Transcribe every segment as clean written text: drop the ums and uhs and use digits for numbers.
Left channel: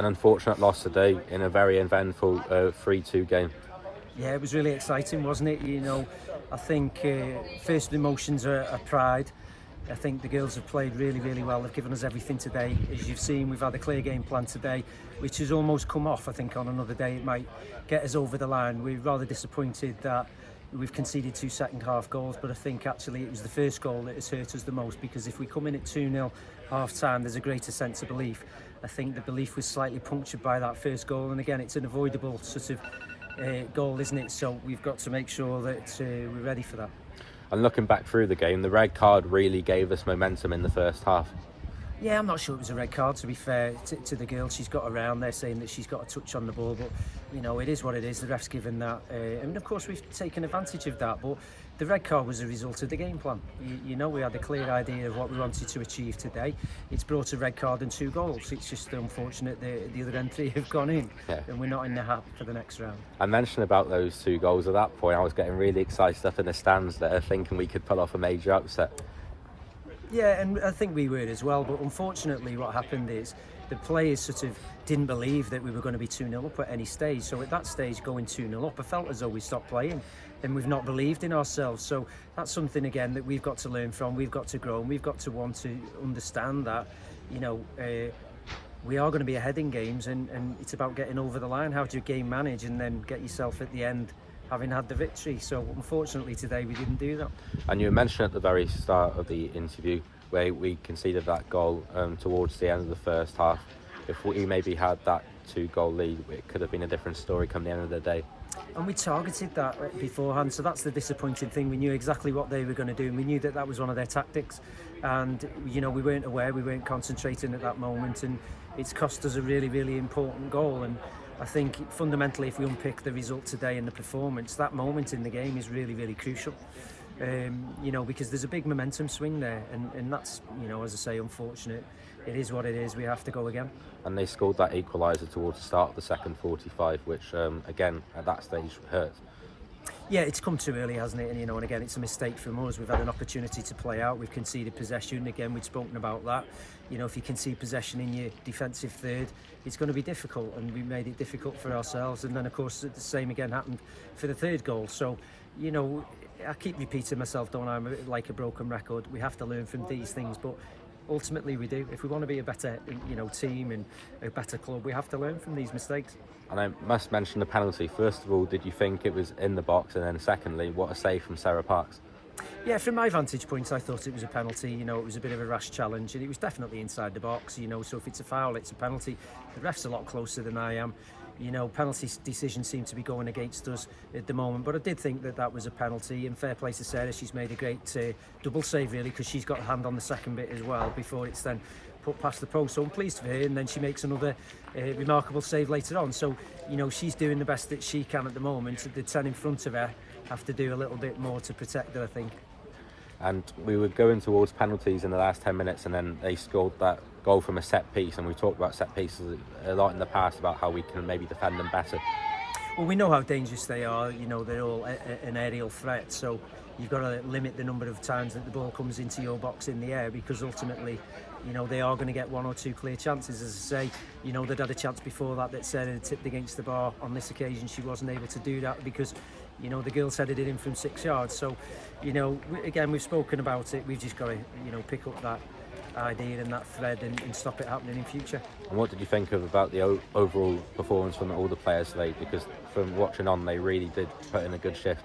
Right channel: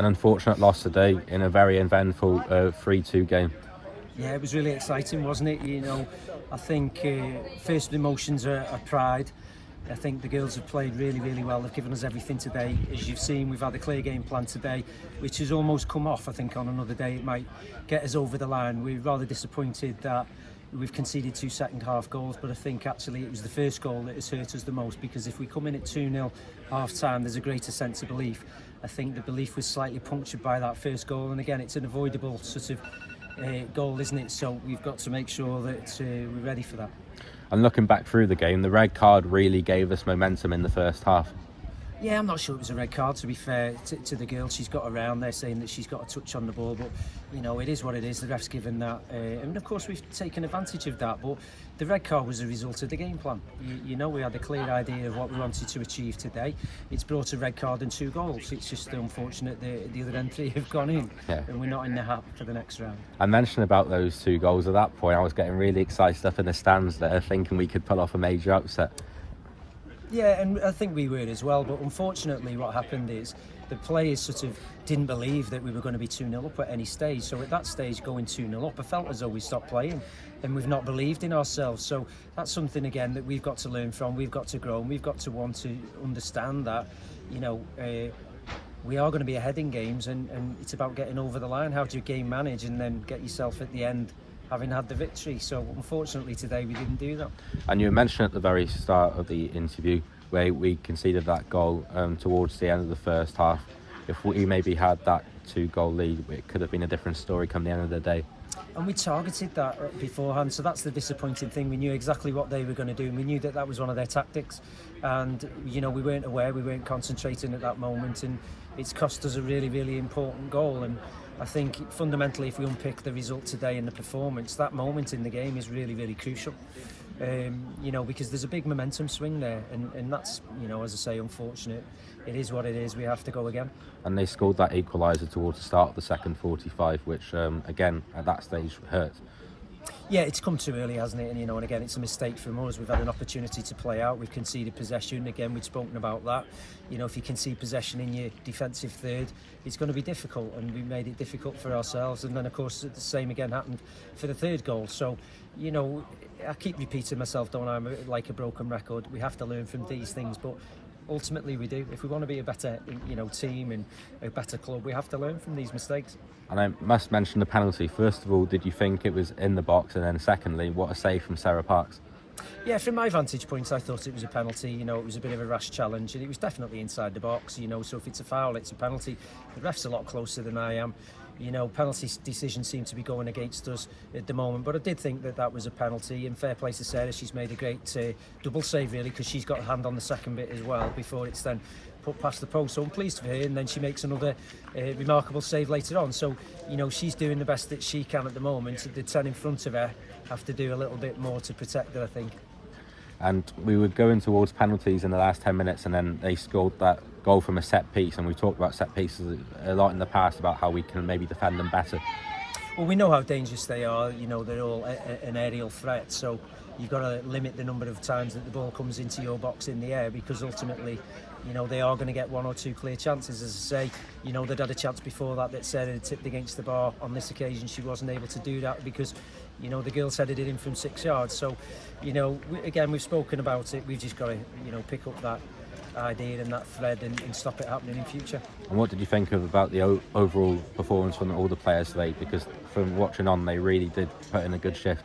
An unfortunate loss today in a very eventful 3-2 game. Yeah, it was really exciting, wasn't it? I think first emotions are pride. I think the girls have played really, really well. They've given us everything today. As you've seen, we've had a clear game plan today, which has almost come off. I think on another day it might get us over the line. We're rather disappointed that we've conceded 2 second half goals, but I think actually it was the first goal that has hurt us the most, because if we come in at 2-0 half time, there's a greater sense of belief. I think the belief was slightly punctured by that first goal, and again, it's an avoidable sort of goal, isn't it? So we've got to make sure that we're ready for that. And looking back through the game, the red card really gave us momentum in the first half. Yeah, I'm not sure it was a red card, to be fair to the girl. She's got around there saying that she's got a touch on the ball, but it is what it is. The ref's given that, and of course we've taken advantage of that, but the red card was a result of the game plan. We had a clear idea of what we wanted to achieve today. It's brought a red card and 2 goals. It's just unfortunate the other entry have gone in, and we're not in the hat for the next round. I mentioned about those 2 goals. At that point I was getting really excited up in the stands there, thinking we could pull off a major upset. Yeah, and I think we were as well, but unfortunately what happened is the players sort of didn't believe that we were going to be 2-0 up at any stage. So at that stage, going 2-0 up, I felt as though we stopped playing and we've not believed in ourselves. So that's something, again, that we've got to learn from, we've got to grow, and we've got to want to understand that, we are going to be ahead in games, and it's about getting over the line. How do you game manage and then get yourself at the end having had the victory? So unfortunately today we didn't do that. And you mentioned at the very start of the interview where we conceded that goal towards the end of the first half. If we maybe had that 2-goal lead, it could have been a different story come the end of the day. And we targeted that beforehand, so that's the disappointing thing. We knew exactly what they were going to do, and we knew that was one of their tactics, and we weren't aware, we weren't concentrating at that moment, and it's cost us a really, really important goal. And I think fundamentally, if we unpick the result today and the performance, that moment in the game is really, really crucial. Because there's a big momentum swing there, and that's, as I say, unfortunate. It is what it is. We have to go again. And they scored that equaliser towards the start of the second 45, which again at that stage hurt. Yeah, it's come too early, hasn't it? And again, it's a mistake from us. We've had an opportunity to play out. We've conceded possession. Again, we've spoken about that. If you concede possession in your defensive third, it's going to be difficult, and we made it difficult for ourselves. And then, of course, the same again happened for the third goal. So, I keep repeating myself, don't I? I'm like a broken record. We have to learn from these things, but ultimately we do. If we want to be a better, team and a better club, we have to learn from these mistakes. And I must mention the penalty. First of all, did you think it was in the box? And then secondly, what a save from Sarah Parks. Yeah, from my vantage point, I thought it was a penalty. It was a bit of a rash challenge, and it was definitely inside the box. So if it's a foul, it's a penalty. The ref's a lot closer than I am. Penalty decisions seem to be going against us at the moment, but I did think that was a penalty, and fair play to Sarah. She's made a great double save, really, because she's got a hand on the second bit as well before it's then put past the post. So I'm pleased for her, and then she makes another remarkable save later on. So she's doing the best that she can at the moment. The 10 in front of her have to do a little bit more to protect her, I think. And we were going towards penalties in the last 10 minutes, and then they scored that goal from a set piece. And we talked about set pieces a lot in the past, about how we can maybe defend them better. Well, we know how dangerous they are. They're all an aerial threat, so you've got to limit the number of times that the ball comes into your box in the air, because ultimately they are going to get 1 or 2 clear chances. As I say, they'd had a chance before that Sarah had tipped against the bar. On this occasion she wasn't able to do that because the girls headed it in from 6 yards. So again, we've spoken about it. We've just got to pick up that idea and that thread and stop it happening in future. And what did you think about the overall performance from all the players today? Because from watching on, they really did put in a good shift.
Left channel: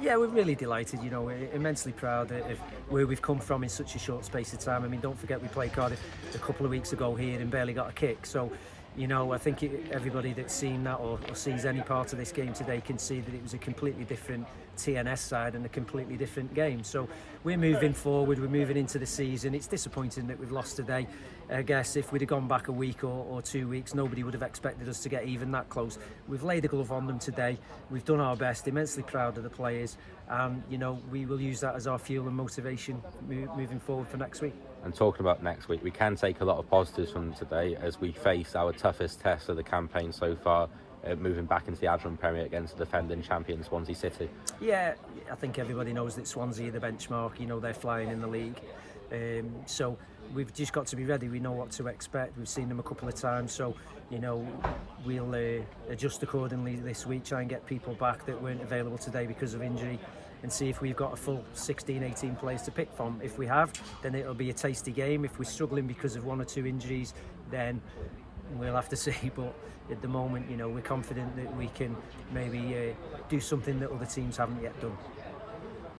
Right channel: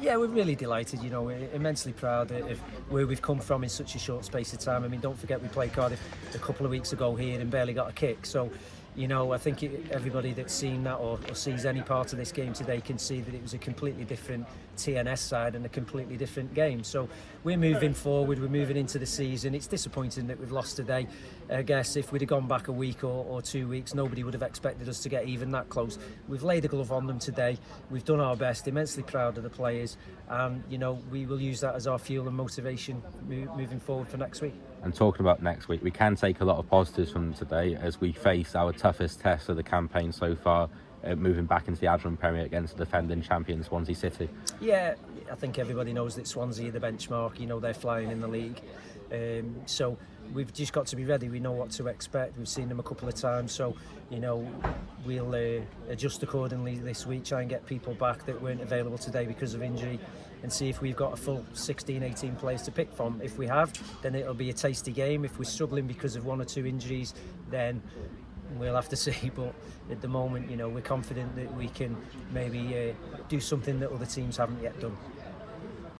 Yeah, we're really delighted. We're immensely proud of where we've come from in such a short space of time. I mean, don't forget we played Cardiff a couple of weeks ago here and barely got a kick. So I think everybody that's seen that or sees any part of this game today can see that it was a completely different TNS side and a completely different game. So we're moving forward, we're moving into the season. It's disappointing that we've lost today. I guess if we'd have gone back a week or 2 weeks, nobody would have expected us to get even that close. We've laid a glove on them today. We've done our best, immensely proud of the players, and we will use that as our fuel and motivation moving forward for next week. And talking about next week, we can take a lot of positives from today as we face our toughest test of the campaign so far, moving back into the Adrian Premier against the defending champion Swansea City. Yeah, I think everybody knows that Swansea are the benchmark. They're flying in the league, so we've just got to be ready. We know what to expect. We've seen them a couple of times, so you know, we'll adjust accordingly this week, try and get people back that weren't available today because of injury, and see if we've got a full 16, 18 players to pick from. If we have, then it'll be a tasty game. If we're struggling because of 1 or 2 injuries, then we'll have to see. But at the moment, you know, we're confident that we can maybe do something that other teams haven't yet done.